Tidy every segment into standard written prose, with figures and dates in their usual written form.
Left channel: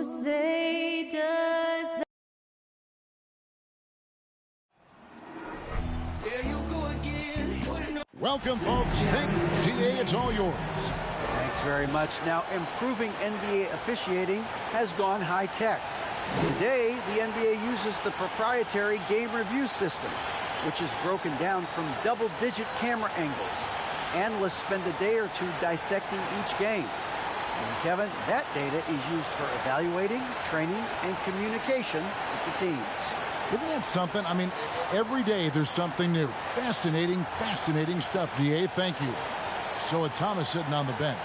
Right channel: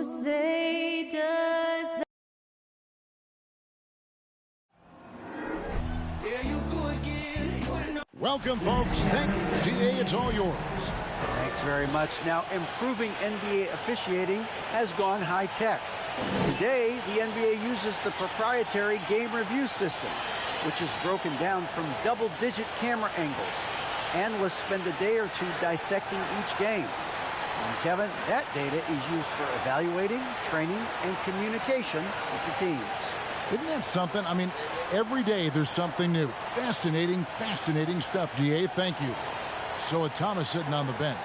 Who say does that? There you go again. Welcome, folks. Thank you, GA. It's all yours. Thanks very much. Now, improving NBA officiating has gone high-tech. Today, the NBA uses the proprietary game review system, which is broken down from double-digit camera angles. Analysts spend a day or two dissecting each game. And, Kevin, that data is used for evaluating, training, and communication with the teams. Isn't that something? I mean, every day there's something new. Fascinating, fascinating stuff, GA. Thank you. So with Thomas sitting on the bench.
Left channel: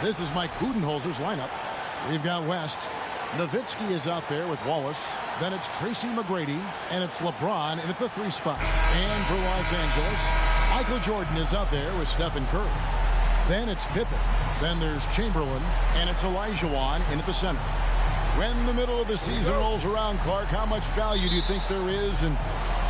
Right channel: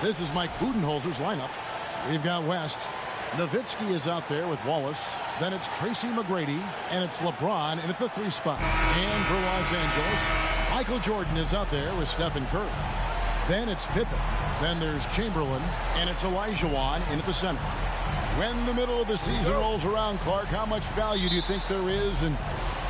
This is Mike Budenholzer's lineup. We've got West. Nowitzki is out there with Wallace. Then it's Tracy McGrady. And it's LeBron in at the 3 spot. And for Los Angeles, Michael Jordan is out there with Stephen Curry. Then it's Pippen. Then there's Chamberlain. And it's Olajuwon in at the center. When the middle of the season rolls around, Clark, how much value do you think there is in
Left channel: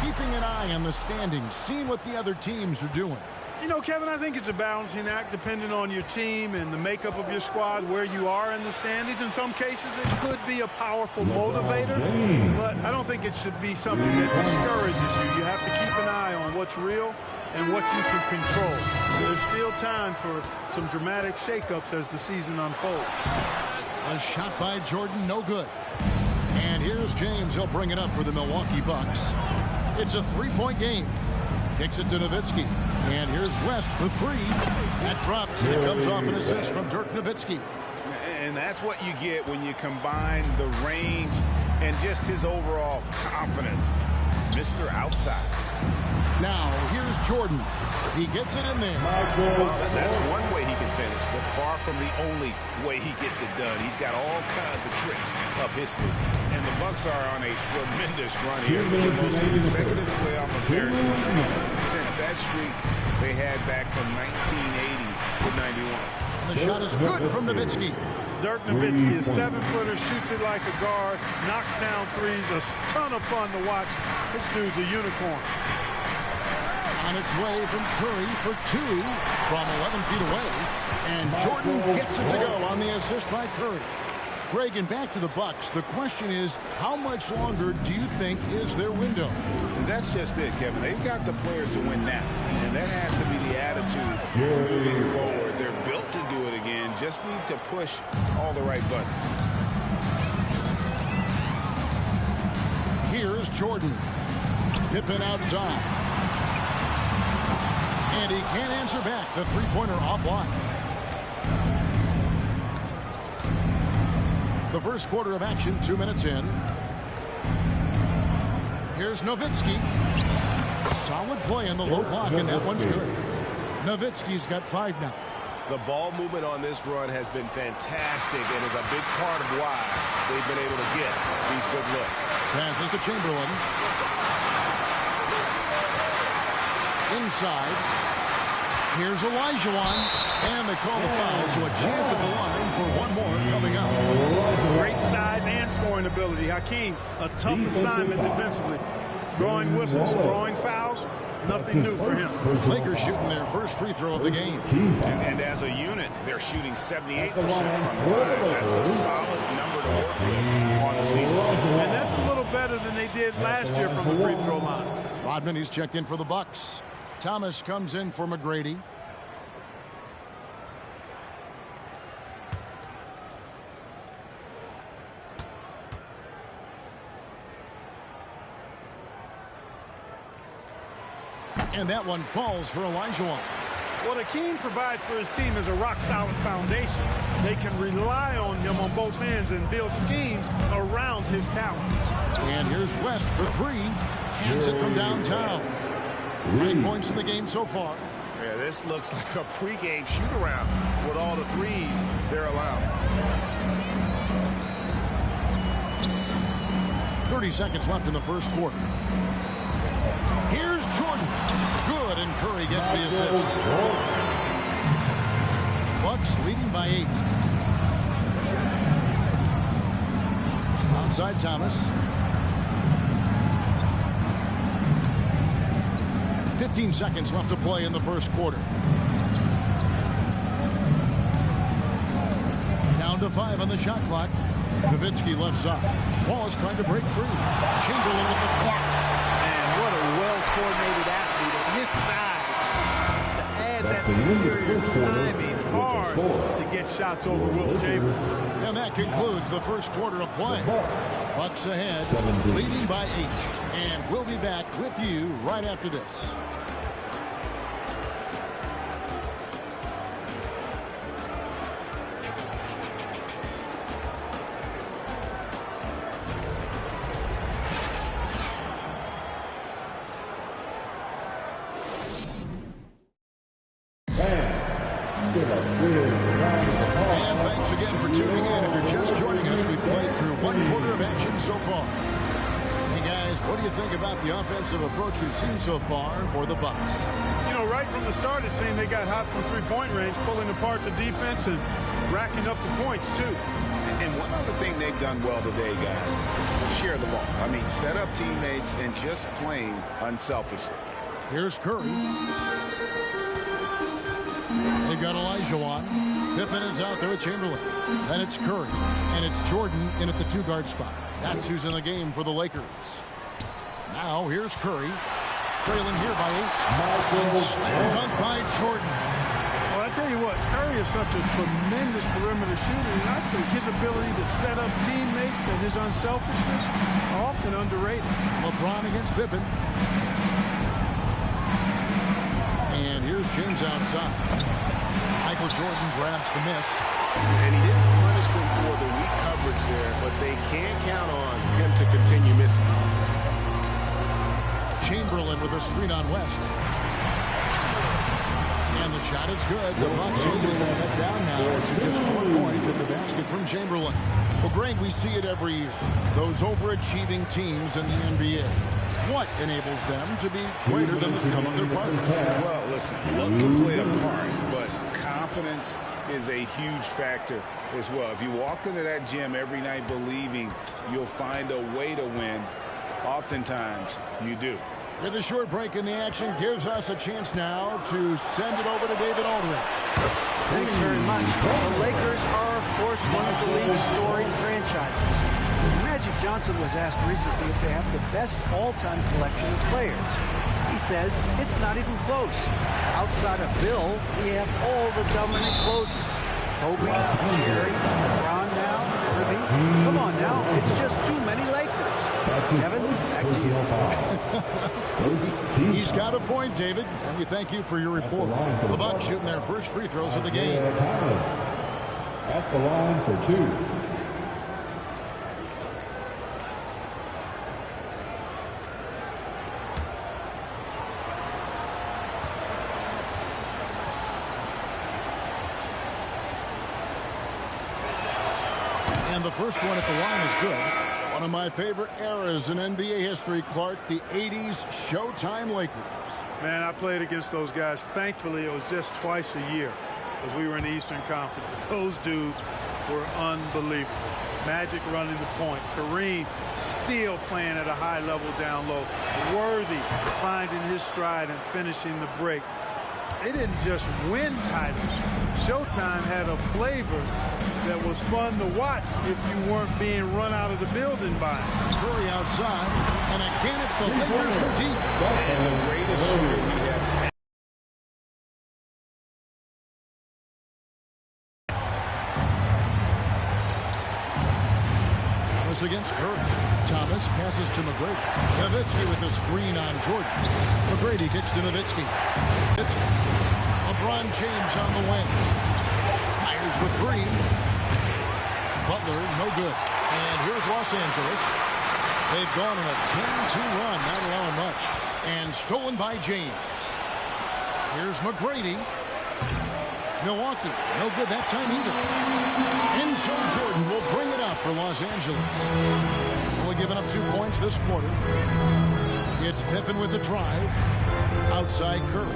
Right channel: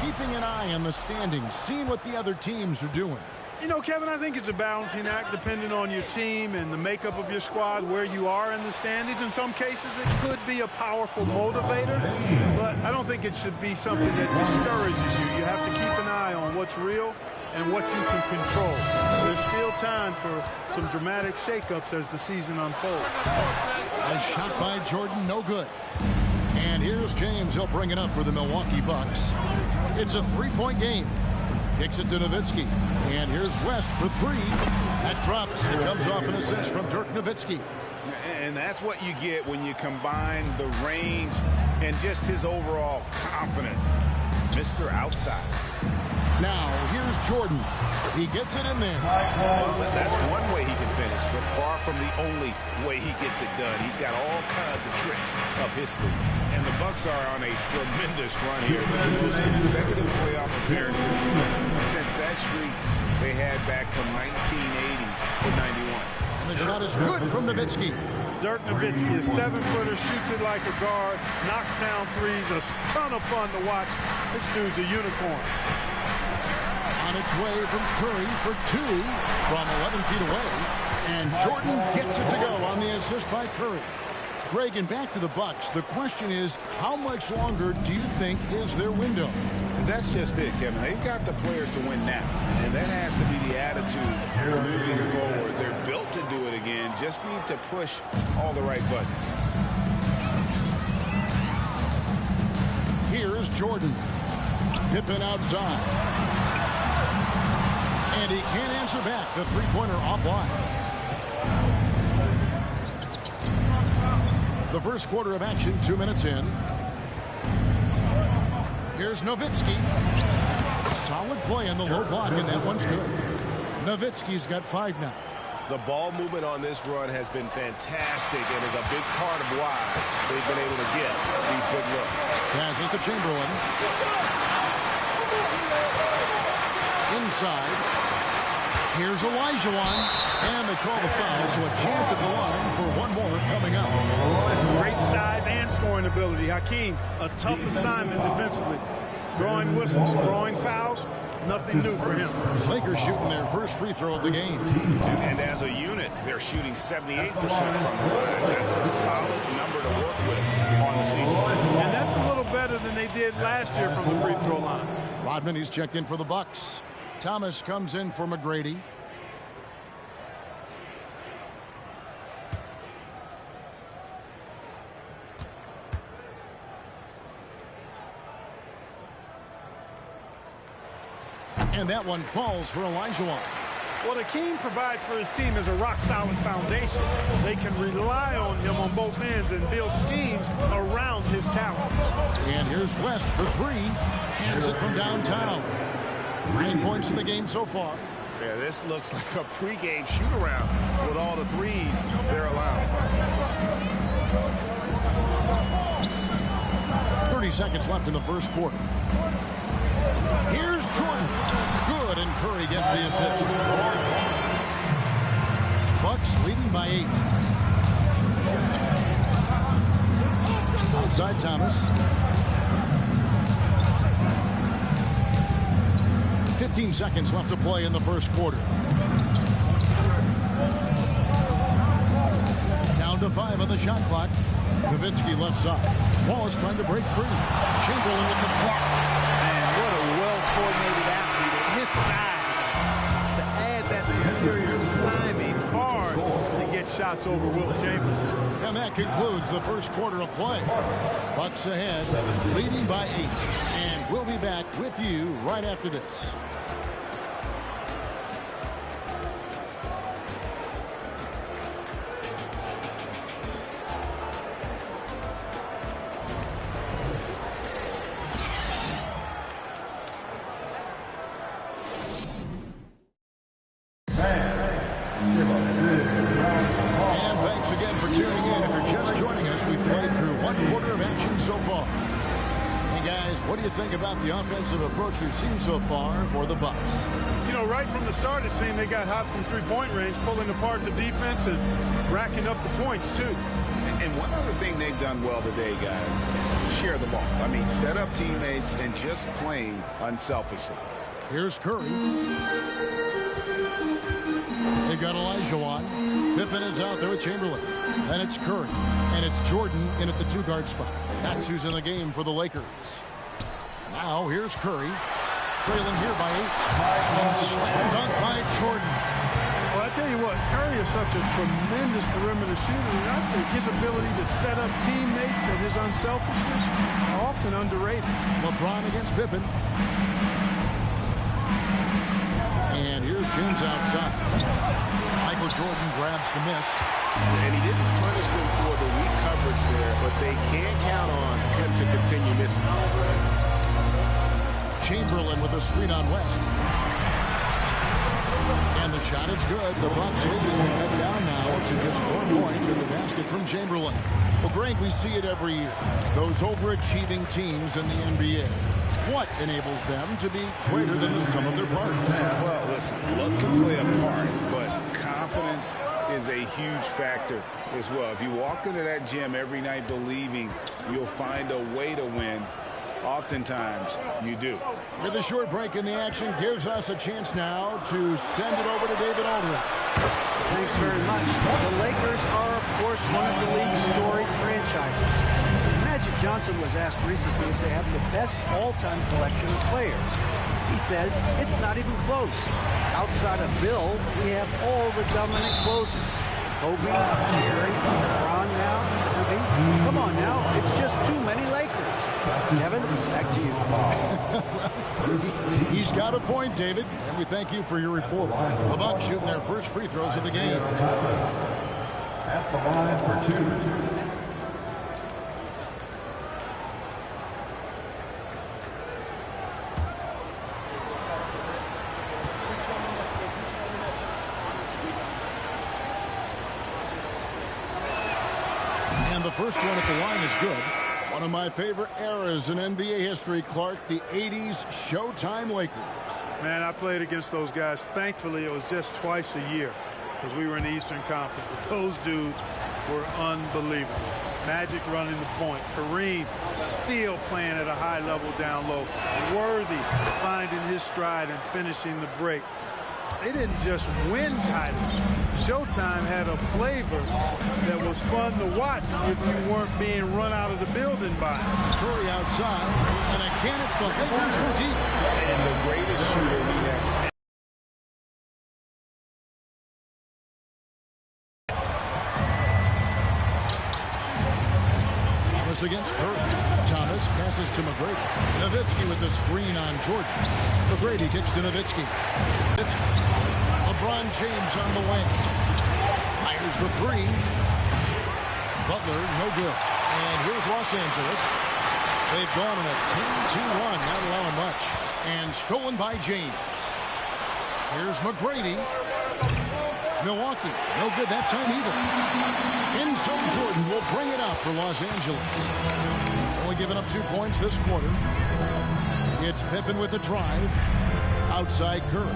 keeping an eye on the standings, seeing what the other teams are doing? You know, Kevin, I think it's a balancing act depending on your team and the makeup of your squad, where you are in the standings. In some cases, it could be a powerful motivator, but I don't think it should be something that discourages you. You have to keep an eye on what's real and what you can control. There's still time for some dramatic shakeups as the season unfolds. A shot by Jordan, no good. And here's James. He'll bring it up for the Milwaukee Bucks. It's a 3-point game. Kicks it to Nowitzki. And here's West for 3. That drops, and it comes off an assist from Dirk Nowitzki. And that's what you get when you combine the range and just his overall confidence. Mr. Outside. Now, here's Jordan. He gets it in there. Well, that's one way he can finish, but far from the only way he gets it done. He's got all kinds of tricks up his sleeve. And the Bucks are on a tremendous run here. The most consecutive playoff appearances since that streak they had back from 1980 to 91. And the shot is good from Nowitzki. Dirk Nowitzki is 7-footer, shoots it like a guard, knocks down threes, a ton of fun to watch. This dude's a unicorn. On its way from Curry for 2 from 11 feet away. And Jordan gets it to go on the assist by Curry. Greg, and back to the Bucks. The question is, how much longer do you think is their window? And that's just it, Kevin. They've got the players to win now. And that has to be the attitude moving forward. They're built to do it again. Just need to push all the right buttons. Here's Jordan. Pippen outside. And he can't answer back. The three-pointer offline. The first quarter of action, 2 minutes in. Here's Nowitzki. Solid play in the low block, and that one's good. Nowitzki's got 5 now. The ball movement on this run has been fantastic and is a big part of why they've been able to get these good looks. Passes to Chamberlain. Inside. Here's Olajuwon. And they call the foul, so a chance at the line for one more coming up. Great size and scoring ability. Hakeem, a tough assignment defensively. Drawing whistles, drawing fouls, nothing new for him. Lakers shooting their first free throw of the game. And as a unit, they're shooting 78% from the line. That's a solid number to work with on the season. And that's a little better than they did last year from the free throw line. Rodman, he's checked in for the Bucks. Thomas comes in for McGrady. And that one falls for Olajuwon. What Hakeem provides for his team is a rock-solid foundation. They can rely on him on both ends and build schemes around his talents. And here's West for 3. Cans it from downtown. 9 points in the game so far. Yeah, this looks like a pregame shoot-around with all the threes they're allowing. 30 seconds left in the first quarter. Here's Jordan. Good, and Curry gets the assist. Bucks leading by 8. Outside Thomas. 15 seconds left to play in the first quarter. Down to 5 on the shot clock. Nowitzki left side. Wallace trying to break free. Chamberlain with the block. And what a well-coordinated athlete at his size. To add that superior timing, hard to get shots over Wilt Chamberlain. And that concludes the first quarter of play. Bucks ahead, leading by 8. And we'll be back with you right after this. And thanks again for tuning in. If you're just joining us, we've played through one quarter of action so far. Hey guys, what do you think about the offensive approach we've seen so far for the Bucks? You know, right from the start, it seemed they got hot from three-point range, pulling apart the defense and racking up the points, too. And one other thing they've done well today, guys, share the ball. I mean, set up teammates and just playing unselfishly. Here's Curry. They've got Elijah on. Pippen is out there with Chamberlain. Then it's Curry. And it's Jordan in at the 2-guard spot. That's who's in the game for the Lakers. Now here's Curry. Trailing here by 8. And slam dunk by Jordan. Well, I tell you what, Curry is such a tremendous perimeter shooter, and I think his ability to set up teammates and his unselfishness are often underrated. LeBron against Pippen. And here's James outside. Michael Jordan grabs the miss. And he didn't punish them for the weak coverage there, but they can't count on him to continue missing. Chamberlain with a screen on West. And the shot is good. The Bucks lead has been cut down now to just 4 points at the basket from Chamberlain. Well, Greg, we see it every year. Those overachieving teams in the NBA. What enables them to be greater than the sum of their parts? Well, listen, luck can play a part, but confidence is a huge factor as well. If you walk into that gym every night believing you'll find a way to win, oftentimes you do. With a short break in the action, gives us a chance now to send it over to David Aldridge. Thanks very much. The Lakers are, of course, one of the league's storied franchises. Magic Johnson was asked recently if they have the best all-time collection of players. He says it's not even close. Outside of Bill, we have all the dominant closers. Kobe, Jerry, LeBron now, Irving. Come on now, it's just too many Lakers. Kevin, back to you. He's got a point, David, and we thank you for your report. The Bucks shooting their first free throws of the game. At the line for 2. And the first one at the line is good. One of my favorite eras in NBA history, Clark, the 80s Showtime Lakers. Man, I played against those guys. Thankfully, it was just twice a year because we were in the Eastern Conference. But those dudes were unbelievable. Magic running the point. Kareem still playing at a high level down low. Worthy finding his stride and finishing the break. They didn't just win titles. Showtime had a flavor that was fun to watch if you weren't being run out of the building by it. Curry outside, and again it's the Lakers from deep. And the greatest shooter we have. Thomas against Curry. Thomas passes to McGrady. Nowitzki with the screen on Jordan. McGrady kicks to Nowitzki. It's LeBron James on the wing. Fires the 3. Butler, no good. And here's Los Angeles. They've gone on a 10-2 run, not allowing much. And stolen by James. Here's McGrady. Milwaukee, no good that time either. And so Jordan will bring it up for Los Angeles. Only giving up 2 points this quarter. It's Pippen with the drive. Outside Curry.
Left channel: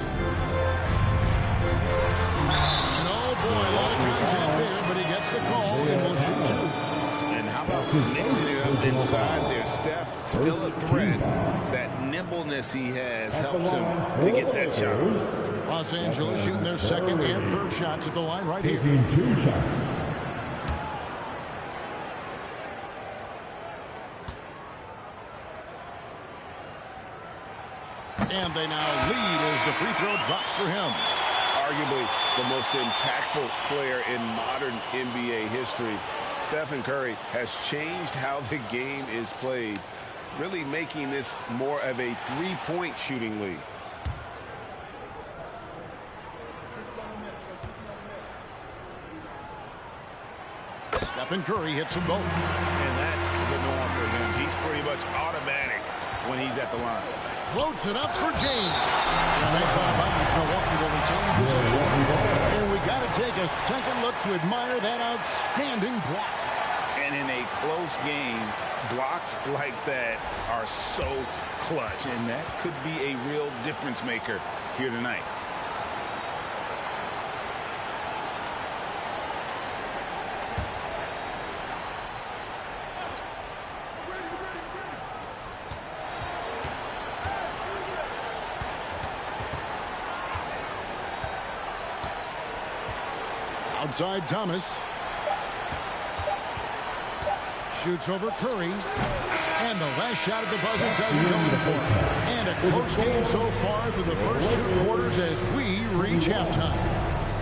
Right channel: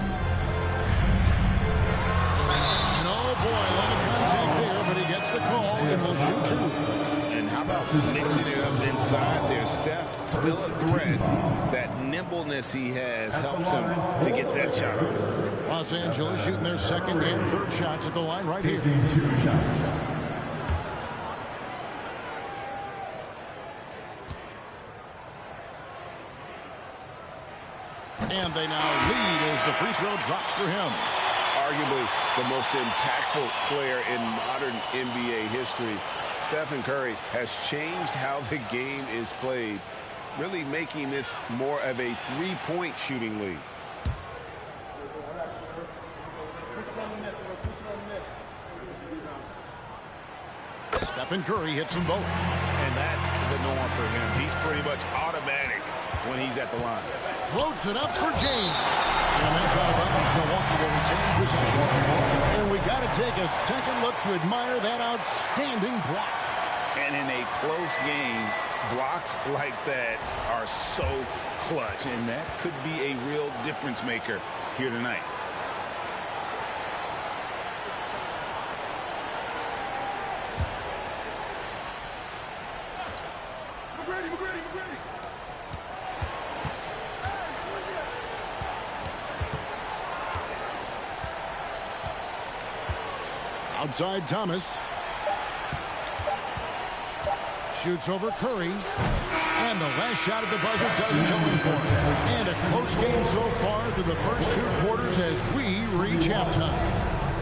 And oh boy, a lot of contact there, but he gets the call and will shoot 2. And how about mixing it up inside there? Steph, still a threat. That nimbleness he has helps him to get that shot. Los Angeles shooting their second and third shots at the line right here. 2 shots. And they now lead as the free throw drops for him. Arguably the most impactful player in modern NBA history, Stephen Curry has changed how the game is played, really making this more of a three-point shooting league. Stephen Curry hits them both. And that's the norm for him. He's pretty much automatic when he's at the line. Floats it up for James. And that's out of bounds. Milwaukee will retain possession. And we got to take a second look to admire that outstanding block. And in a close game, blocks like that are so clutch. And that could be a real difference maker here tonight. Outside Thomas. Shoots over Curry. And the last shot at the buzzer doesn't go in for him. And a close game so far through the first two quarters as we reach halftime.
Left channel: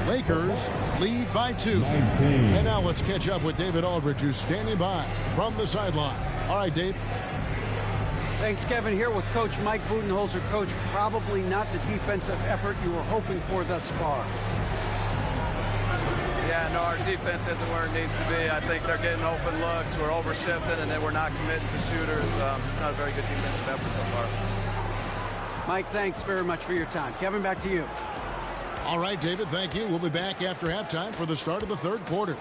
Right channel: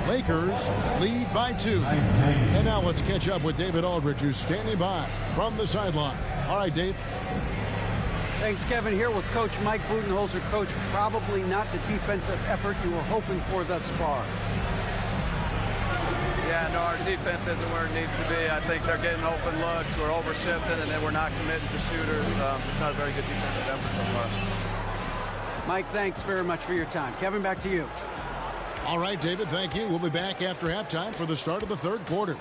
Lakers lead by 2. And now let's catch up with David Aldridge, who's standing by from the sideline. All right, Dave. Thanks, Kevin. Here with Coach Mike Budenholzer. Coach, probably not the defensive effort you were hoping for thus far. Yeah, no, our defense isn't where it needs to be. I think they're getting open looks. We're over-shifting, and then we're not committing to shooters. Just not a very good defensive effort so far. Mike, thanks very much for your time. Kevin, back to you. All right, David, thank you. We'll be back after halftime for the start of the third quarter.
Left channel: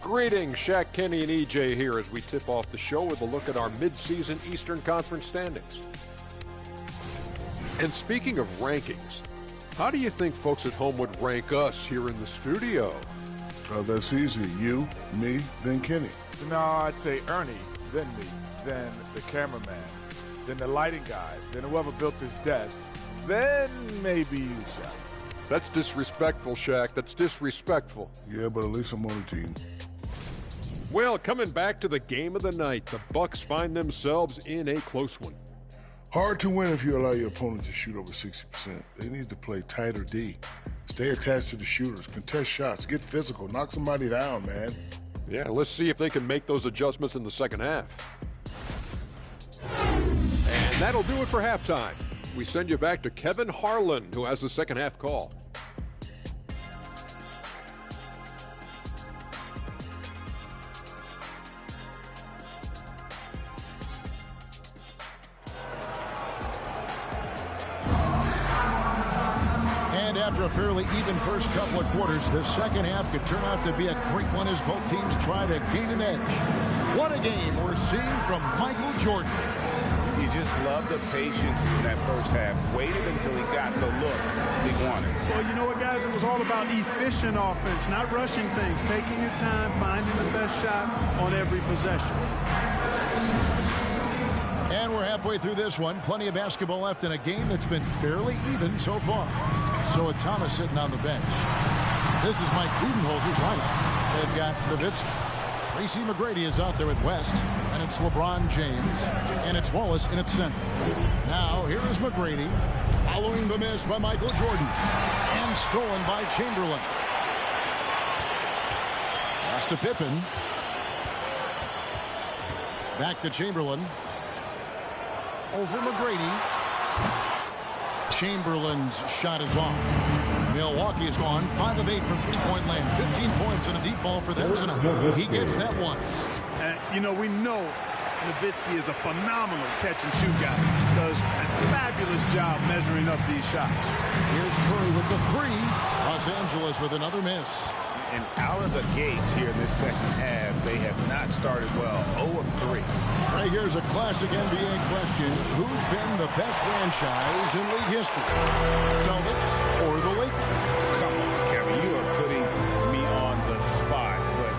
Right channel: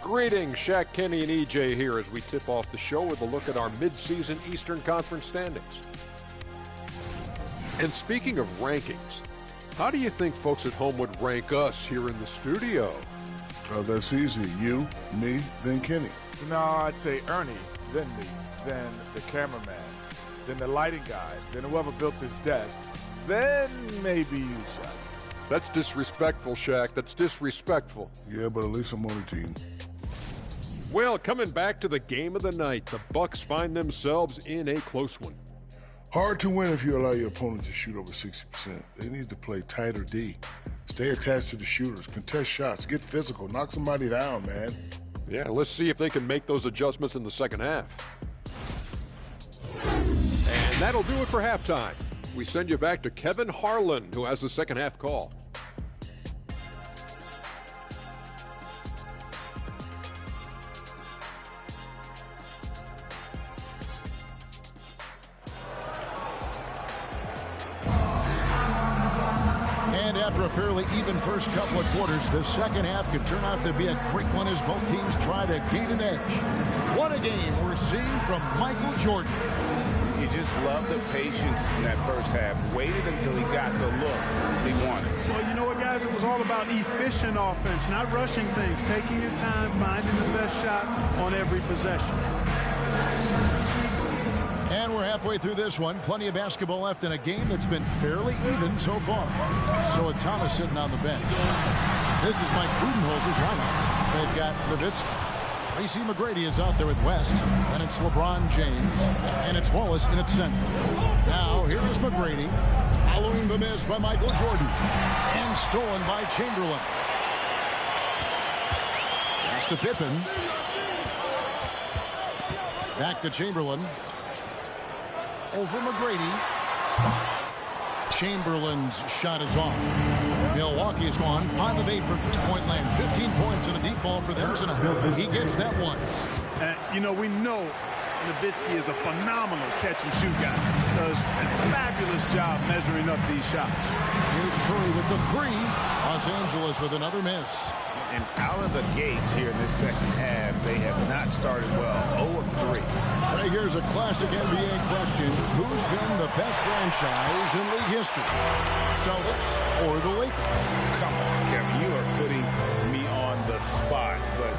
Greetings, Shaq, Kenny, and EJ here as we tip off the show with a look at our midseason Eastern Conference standings. And speaking of rankings, how do you think folks at home would rank us here in the studio? Oh, that's easy. You, me, then Kenny. No, I'd say Ernie, then me, then the cameraman, then the lighting guy, then whoever built this desk, then maybe you, Shaq. That's disrespectful, Shaq. That's disrespectful. Yeah, but at least I'm on the team. Well, coming back to the game of the night, the Bucks find themselves in a close one. Hard to win if you allow your opponent to shoot over 60%. They need to play tighter D. Stay attached to the shooters, contest shots, get physical, knock somebody down, man. Yeah, let's see if they can make those adjustments in the second half. And that'll do it for halftime. We send you back to Kevin Harlan, who has the second half call. And after a fairly even first couple of quarters, the second half could turn out to be a great one as both teams try to gain an edge. What a game we're seeing from Michael Jordan. You just love the patience in that first half. Waited until he got the look he wanted. Well, you know what, guys? It was all about efficient offense, not rushing things, taking your time, finding the best shot on every possession. And we're halfway through this one. Plenty of basketball left in a game that's been fairly even so far. So with Thomas sitting on the bench. This is Mike Budenholzer's lineup. They've got Nowitzki. Tracy McGrady is out there with West. And it's LeBron James. And it's Wallace in its center. Now here is McGrady. Following the miss by Michael Jordan. And stolen by Chamberlain. Pass to Pippen. Back to Chamberlain. Over McGrady. Chamberlain's shot is off. Milwaukee is gone 5 of 8 from three-point land. 15 points and a deep ball for them tonight. He gets that one. And, you know, we know Nowitzki is a phenomenal catch-and-shoot guy. Does a fabulous job measuring up these shots. Here's Curry with the three. Los Angeles with another miss. And out of the gates here in this second half, they have not started well. 0 of 3. Right, here's a classic NBA question. Who's been the best franchise in league history? Celtics or the Lakers? Come on, Kevin. You are putting me on the spot. But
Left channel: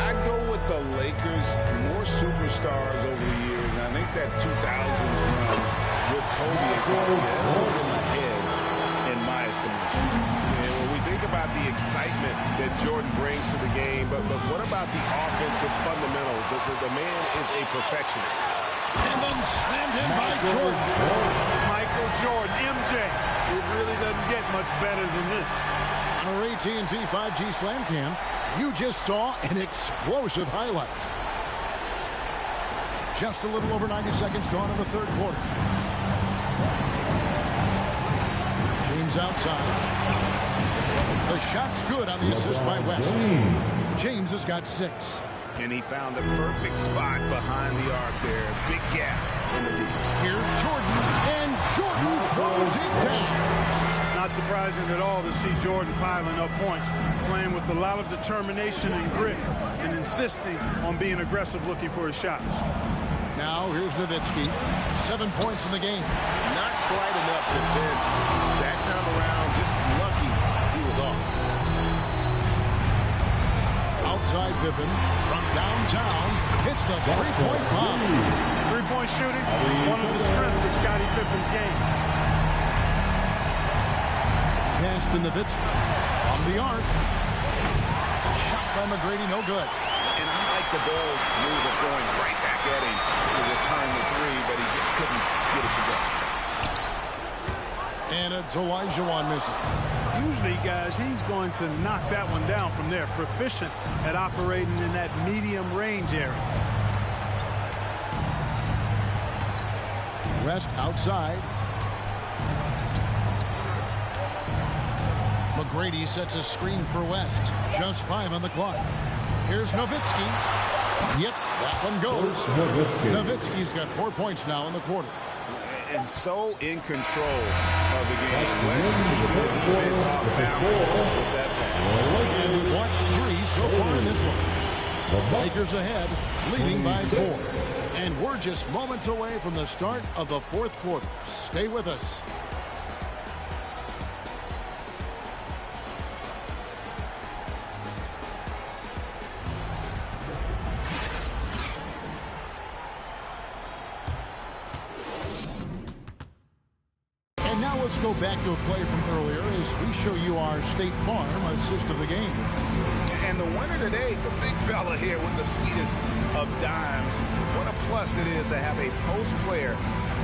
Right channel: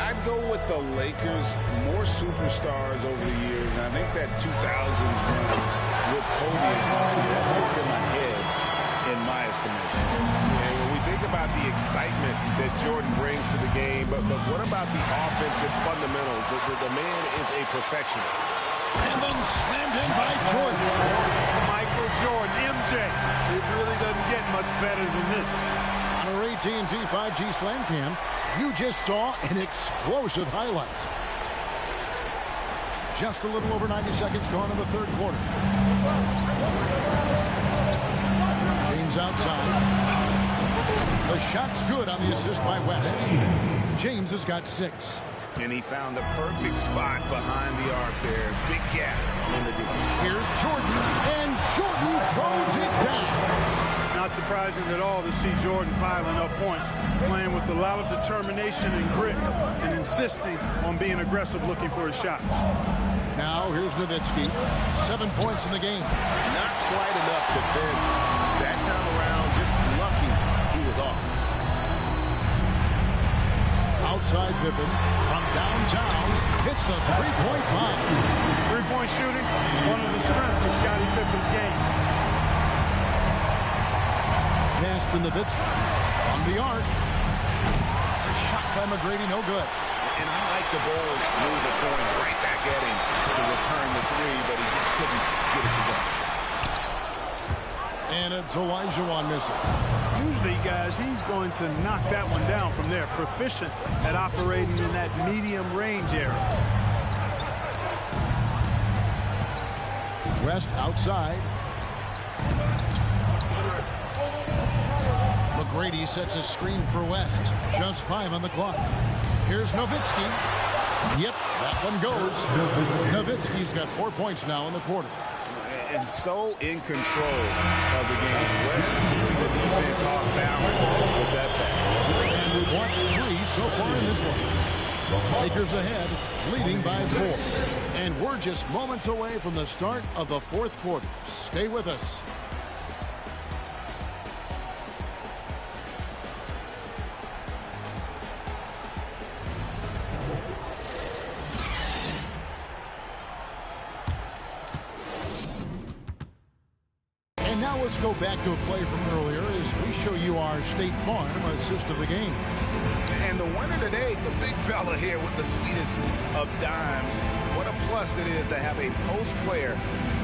I'd go with the Lakers. More superstars over the years. And I think that 2000s run with Kobe and company, that looked in my head in my estimation. And when we think about the excitement that Jordan brings to the game, but what about the offensive fundamentals? The man is a perfectionist. And then slammed in by Jordan. Michael Jordan, MJ. It really doesn't get much better than this. On our AT&T 5G Slam Cam, you just saw an explosive highlight. Just a little over 90 seconds gone in the third quarter. James outside. The shot's good on the assist by West. James has got 6. And he found the perfect spot behind the arc there. Big gap in the D. Here's Jordan, and Jordan throws it down. Not surprising at all to see Jordan piling up points, playing with a lot of determination and grit, and insisting on being aggressive looking for his shots. Now here's Nowitzki. 7 points in the game. Not quite enough defense. That time around, just lucky he was off. Outside Pippen from downtown hits the three-point bomb. Three-point shooting, one of the strengths of Scottie Pippen's game. Cast in Nowitzki from the arc. A shot by McGrady, no good. And I like the Bulls move of going right back at him to return the three, but he just couldn't get it to go. And it's Olajuwon missing. Usually, guys, he's going to knock that one down from there. Proficient at operating in that medium range area. West outside. McGrady sets a screen for West. Just 5 on the clock. Here's Nowitzki. Yep, that one goes. Nowitzki's got 4 points now in the quarter. And so in control of the game. West keeping the defense off balance with that pass. And we've watched 3 so far in this one. Lakers ahead, leading by 4. And we're just moments away from the start of the fourth quarter. Stay with us. And now let's go back to a play from earlier as we show you our State Farm assist of the game. And the winner today, the big fella here with the sweetest of dimes. What a plus it is to have a post player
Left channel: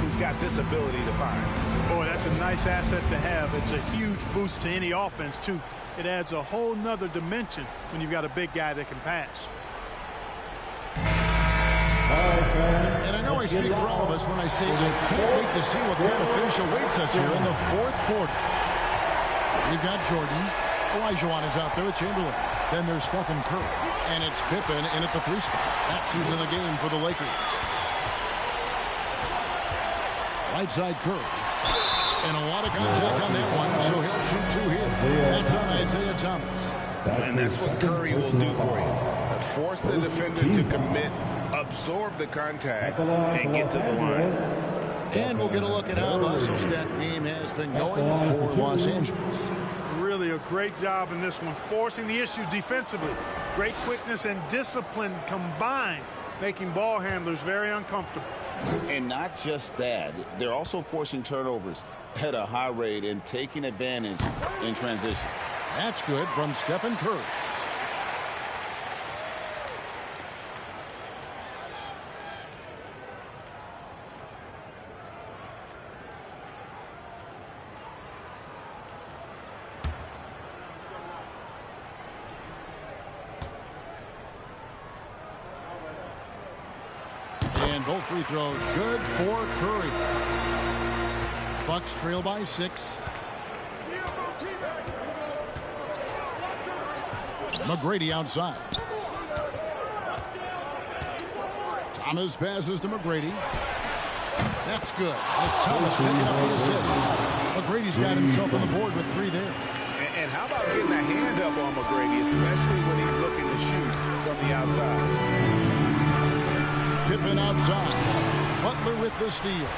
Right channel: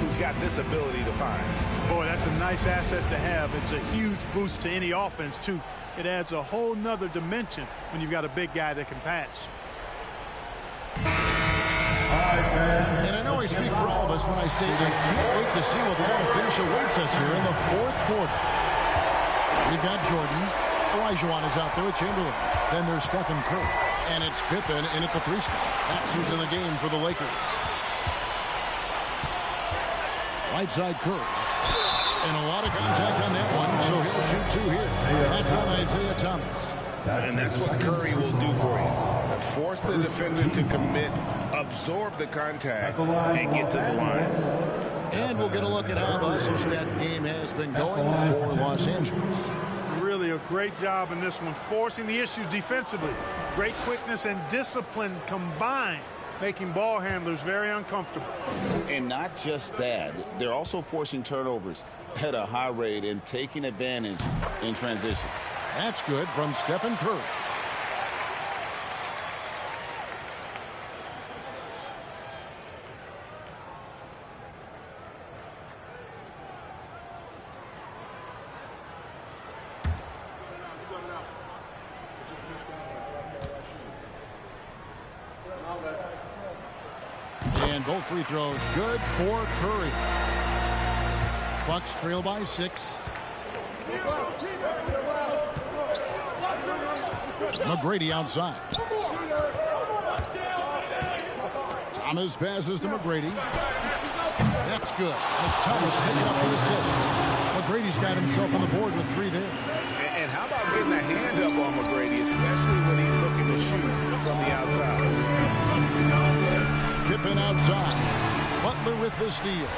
who's got this ability to find. Boy, that's a nice asset to have. It's a huge boost to any offense, too. It adds a whole nother dimension when you've got a big guy that can pass. And I know I speak for all of us when I say I can't wait to see what kind of finish awaits us here in the fourth quarter. We've got Jordan. Olajuwon is out there with Chamberlain. Then there's Stephen Curry. And it's Pippen in at the 3 spot. That's who's in the game for the Lakers. Right side Curry. And a lot of contact on that one, so he'll shoot 2 here. That's on Isaiah Thomas. And that's what Curry will do for you. Force the defender to commit, absorb the contact, and get to the line. And we'll get a look at how the hustle stat game has been going for Los Angeles. Really a great job in this one, forcing the issue defensively. Great quickness and discipline combined, making ball handlers very uncomfortable. And not just that, they're also forcing turnovers at a high rate and taking advantage in transition. That's good from Stephen Curry. And both free throws good for Curry. Bucks trail by 6. McGrady outside. Thomas passes to McGrady. That's good. And it's Thomas picking up the assist. McGrady's got himself on the board with 3 there. And how about getting a hand up on McGrady, especially when he's looking to shoot from the outside. Pippen outside. Butler with the steal.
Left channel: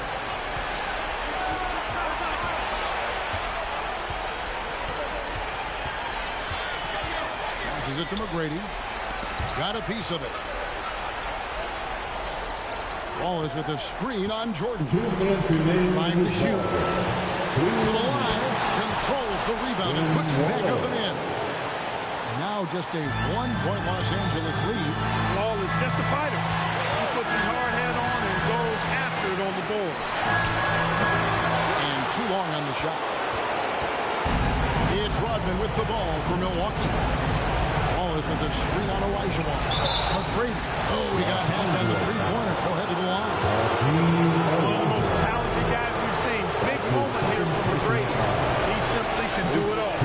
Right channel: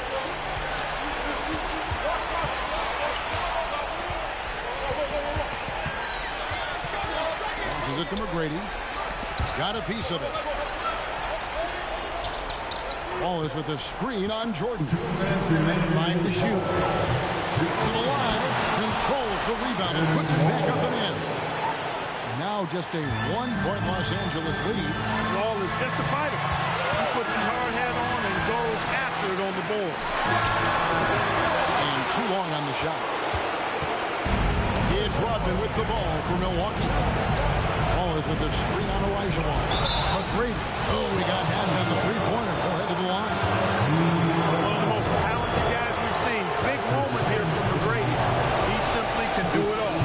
Passes it to McGrady. Got a piece of it. Ball is with a screen on Jordan. 5 to shoot. Keeps it alive. controls the rebound and puts it back up and in. And now just a 1-point Los Angeles lead. Yall is just a fighter. He puts his hard hat on and goes after it on the board. And too long on the shot. It's Rodman with the ball for Milwaukee. Ball is with the screen on Olajuwon. McGrady. Oh, he got hand on the three-pointer. Go ahead to the line. One of the most talented guys we've seen. Big moment here from McGrady. He simply can do it all.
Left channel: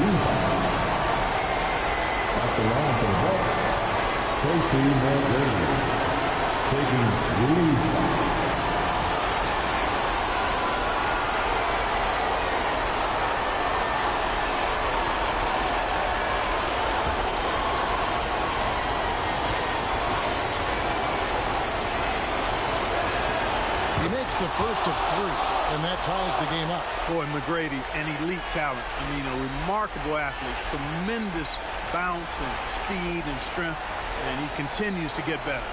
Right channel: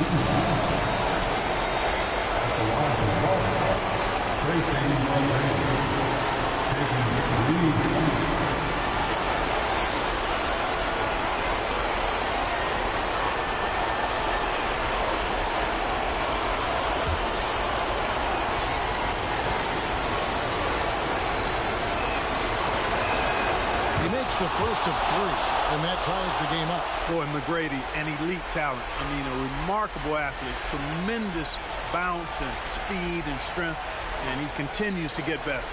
At the line for the Bucks, Tracy McGrady taking lead. He makes the first of 3, and that ties the game up. Boy, McGrady, an elite talent. I mean, a remarkable athlete. Tremendous bounce and speed and strength, and he continues to get better.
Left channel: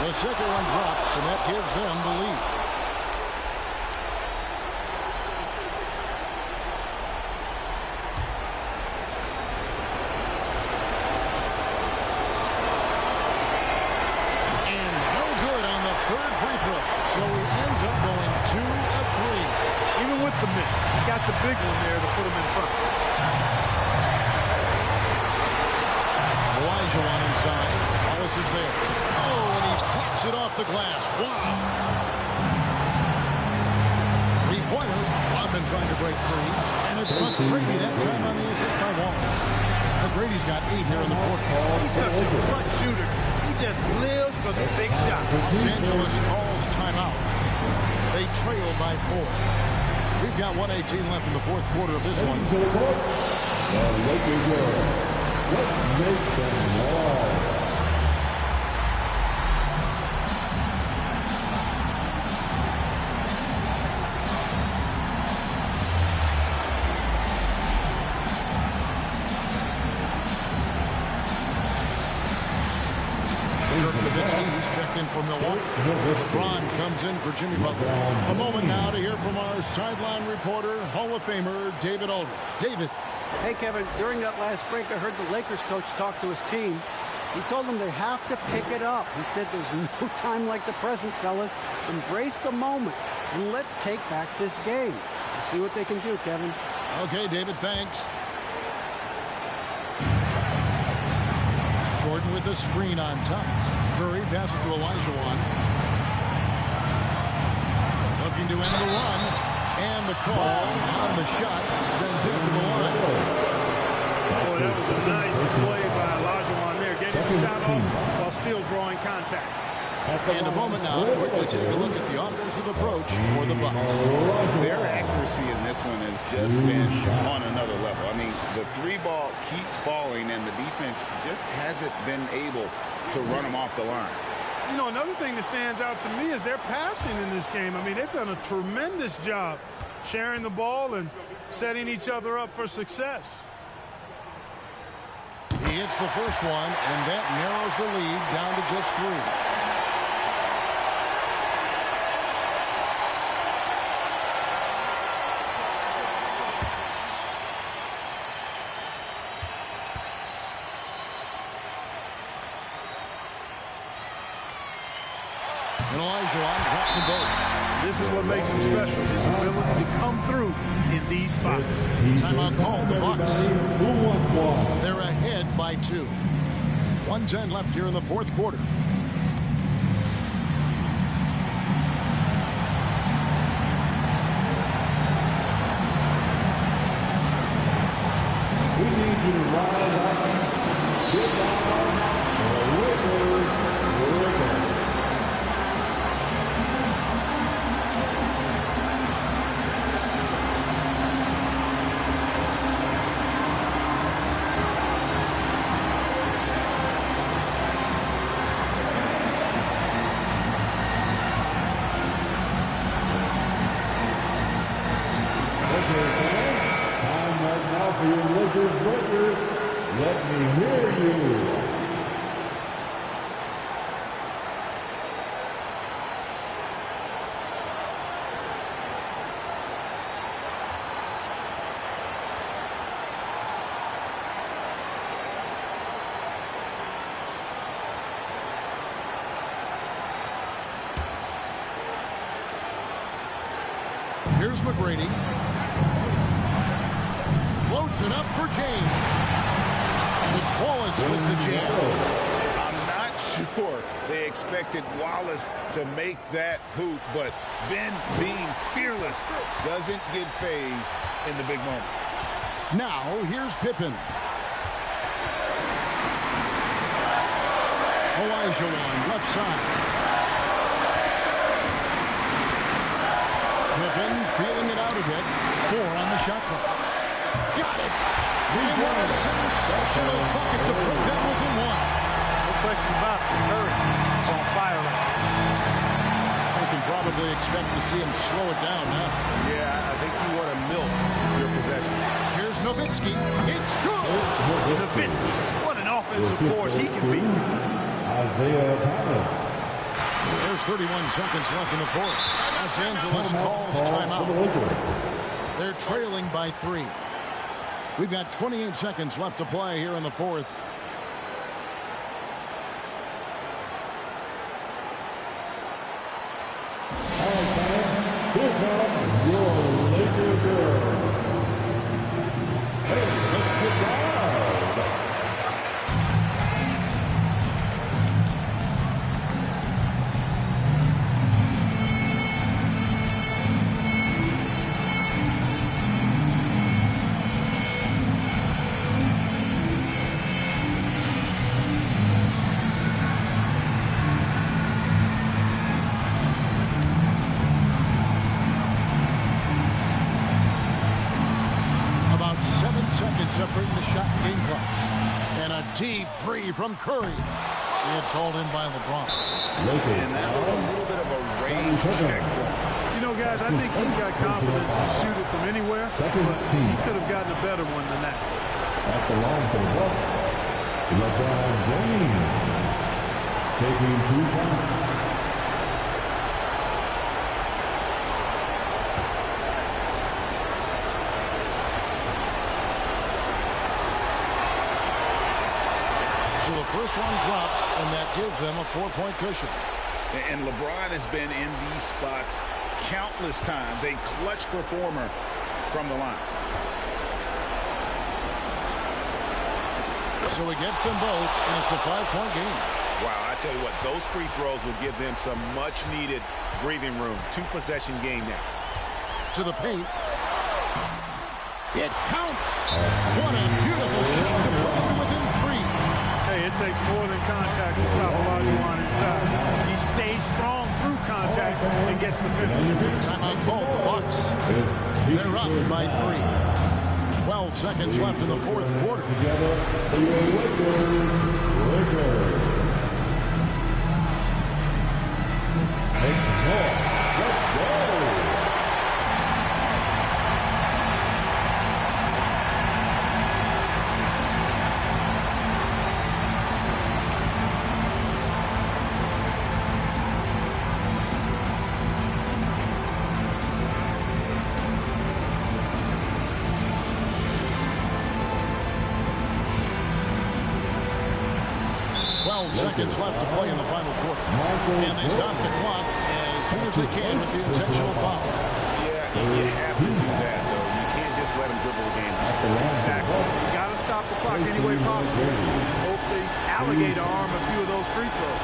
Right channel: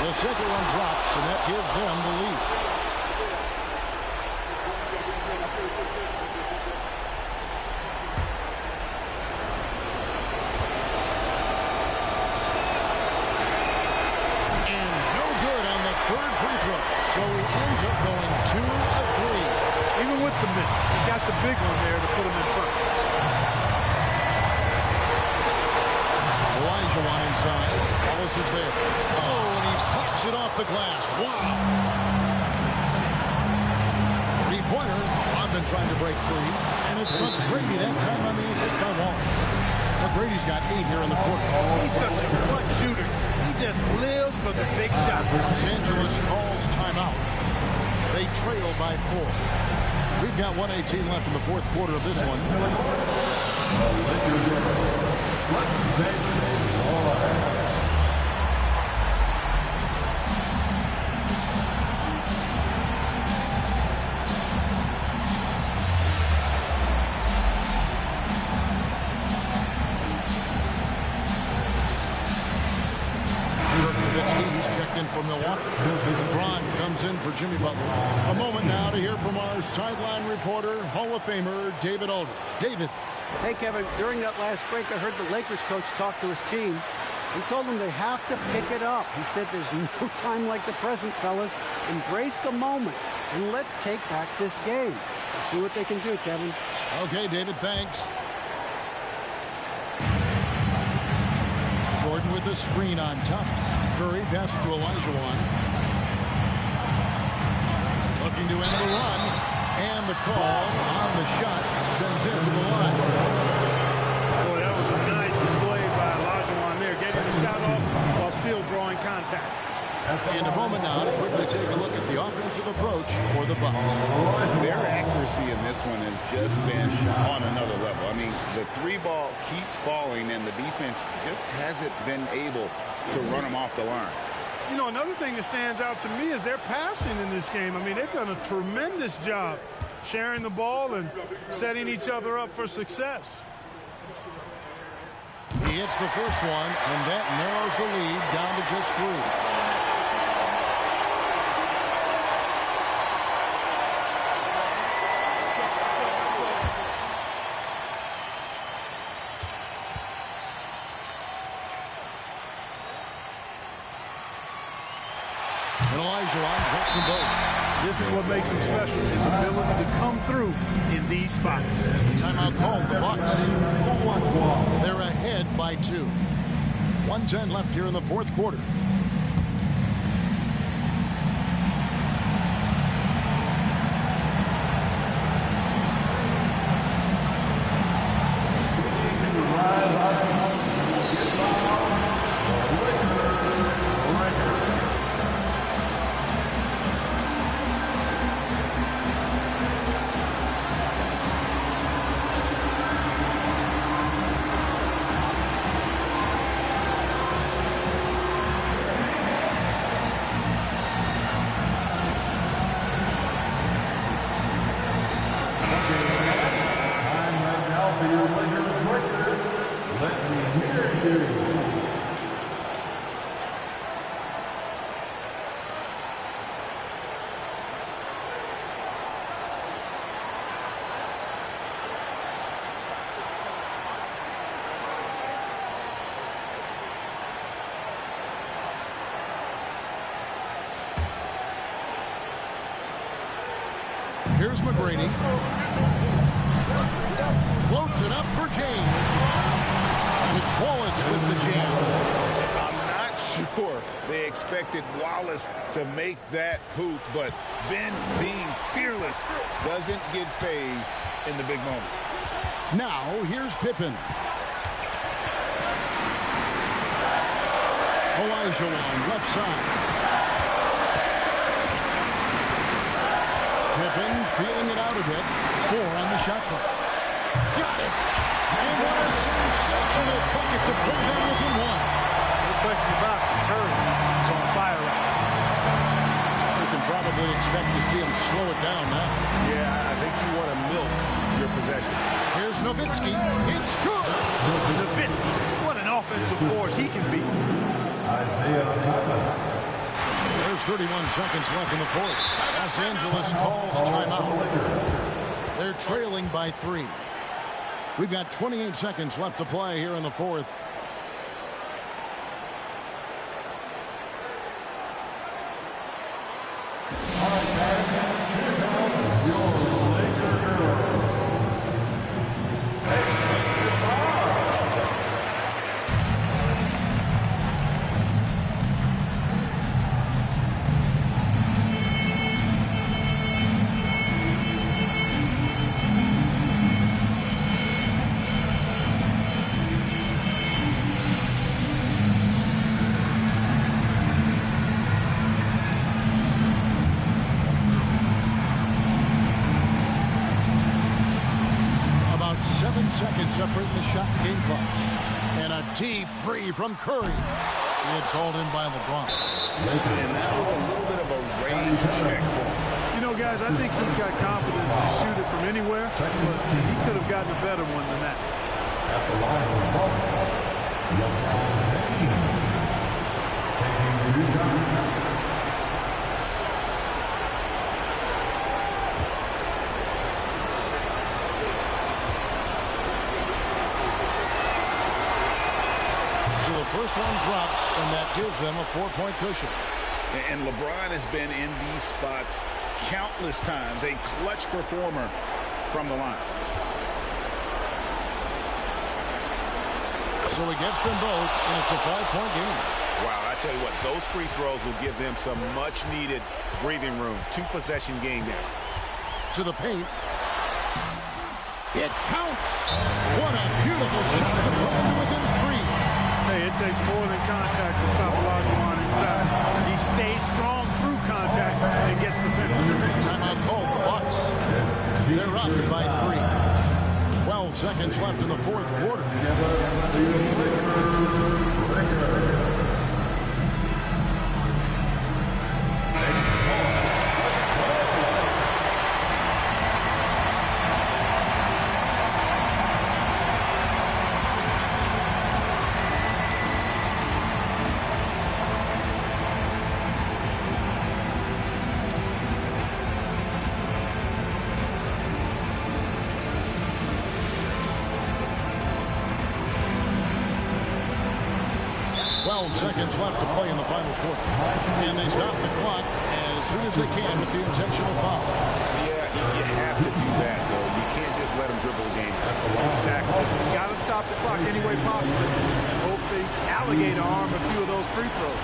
The second one drops, and that gives them the lead. Third free throw. So he ends up going 2 of 3. Even with the miss, he got the big one there to put him in front. Olajuwon inside. Wallace is there. Oh, and he pops it off the glass. Wow. Three-pointer. Rodman trying to break free. And it's McGrady that time on the assist by Wallace. McGrady's got 8 here in the quarter. He's such a clutch shooter. He just lives for the big shot. Los Angeles calls timeout. They trail by 4. We've got 1:18 left in the fourth quarter of this one. Let's make some noise. He's checked in for Milwaukee. LeBron comes in for Jimmy Butler. A moment now to hear from our sideline reporter, Hall of Famer David Aldridge. David. Hey, Kevin, during that last break, I heard the Lakers coach talk to his team. He told them they have to pick it up. He said there's no time like the present, fellas. Embrace the moment, and let's take back this game. We'll see what they can do, Kevin. Okay, David, thanks. Jordan with the screen on Thomas. Curry passes to Olajuwon. Looking to end the run. And the call on the shot sends him to the line. Boy, that was a nice play by Olajuwon there, getting the shot off while still drawing contact. And a moment now to quickly take a look at the offensive approach for the Bucks. Their accuracy in this one has just been on another level. I mean, the 3-ball keeps falling, and the defense just hasn't been able to run them off the line. You know, another thing that stands out to me is their passing in this game. I mean, they've done a tremendous job sharing the ball and setting each other up for success. He hits the first one, and that narrows the lead down to just 3. And Olajuwon drops them both. This is what makes him special, his ability to come through in these spots. Timeout called, the Bucks. They're ahead by 2. 1:10 left here in the fourth quarter. Time right now for your Lakers Let me hear you. Here's McGrady. Floats it up for James. And it's Wallace with the jam. I'm not sure they expected Wallace to make that hoop, but Ben, being fearless, doesn't get phased in the big moment. Now, here's Pippen. Olajuwon, left side. Pippen feeling it out a bit. 4 on the shot clock. Got it! And what a sensational bucket to put them within 1. No question about it. Curry is on fire right now. We can probably expect to see him slow it down now. Yeah, I think you want to milk your possession. Here's Nowitzki. It's good! Nowitzki, what an offensive force he can be. Isaiah Thomas. There's 31 seconds left in the fourth. Los Angeles calls timeout. They're trailing by 3. We've got 28 seconds left to play here in the fourth. All right, man. Here comes your Laker girl. Hey, goodbye. About 7 seconds separating the shot and game clocks. And a deep three from Curry. It's hauled in by LeBron. And that was a little bit of a range check for him. You know, guys, I think he's got confidence to shoot it from anywhere, but he could have gotten a better one than that. At the line for Bucks, LeBron James taking 2 shots. So the first one drops, and that gives them a 4-point cushion. And LeBron has been in these spots countless times, a clutch performer from the line. So he gets them both, and it's a 5-point game. Wow, I tell you what, those free throws will give them some much-needed breathing room. 2-possession game now. To the paint. It counts. What a beautiful shot to bring him to within 3. Hey, it takes more than contact to stop Olajuwon inside. He stays strong through contact and gets the finish. Timeout called the Bucks. They're up by 3. 12 seconds left in the fourth quarter. Together, the Lakers. Let's go. 12 seconds left to play in the final quarter. And they stop the clock as soon as they can with the intentional foul. Yeah, you have to do that, though. You can't just let them dribble the game out. Exactly. You got to stop the clock any way possible and hope they alligator arm a few of those free throws.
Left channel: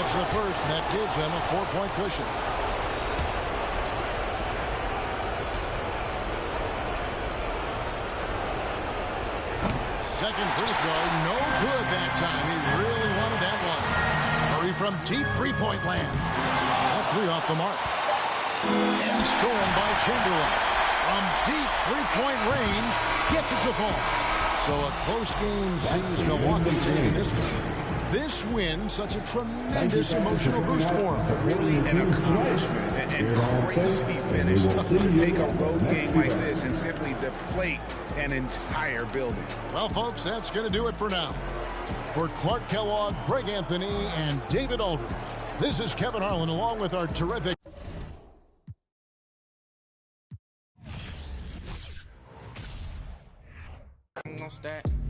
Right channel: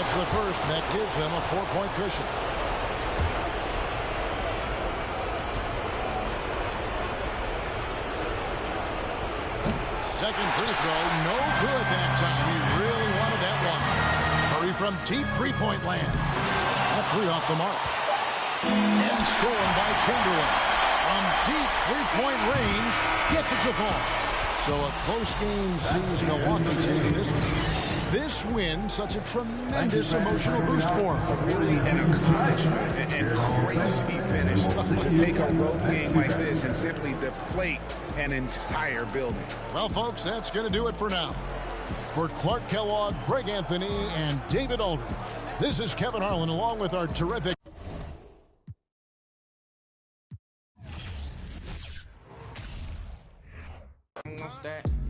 It's the first, and that gives them a 4-point cushion. Second free throw, no good that time. He really wanted that one. Curry from deep three-point land. That 3 off the mark. And stolen by Chamberlain. From deep three-point range, gets it to fall. So a close game sees Milwaukee taking this one. This win, such a tremendous emotional boost for them. Really an accomplishment and crazy finish to take a road game like this and simply deflate an entire building. Well, folks, that's going to do it for now. For Clark Kellogg, Greg Anthony, and David Aldridge, this is Kevin Harlan along with our terrific... Almost that.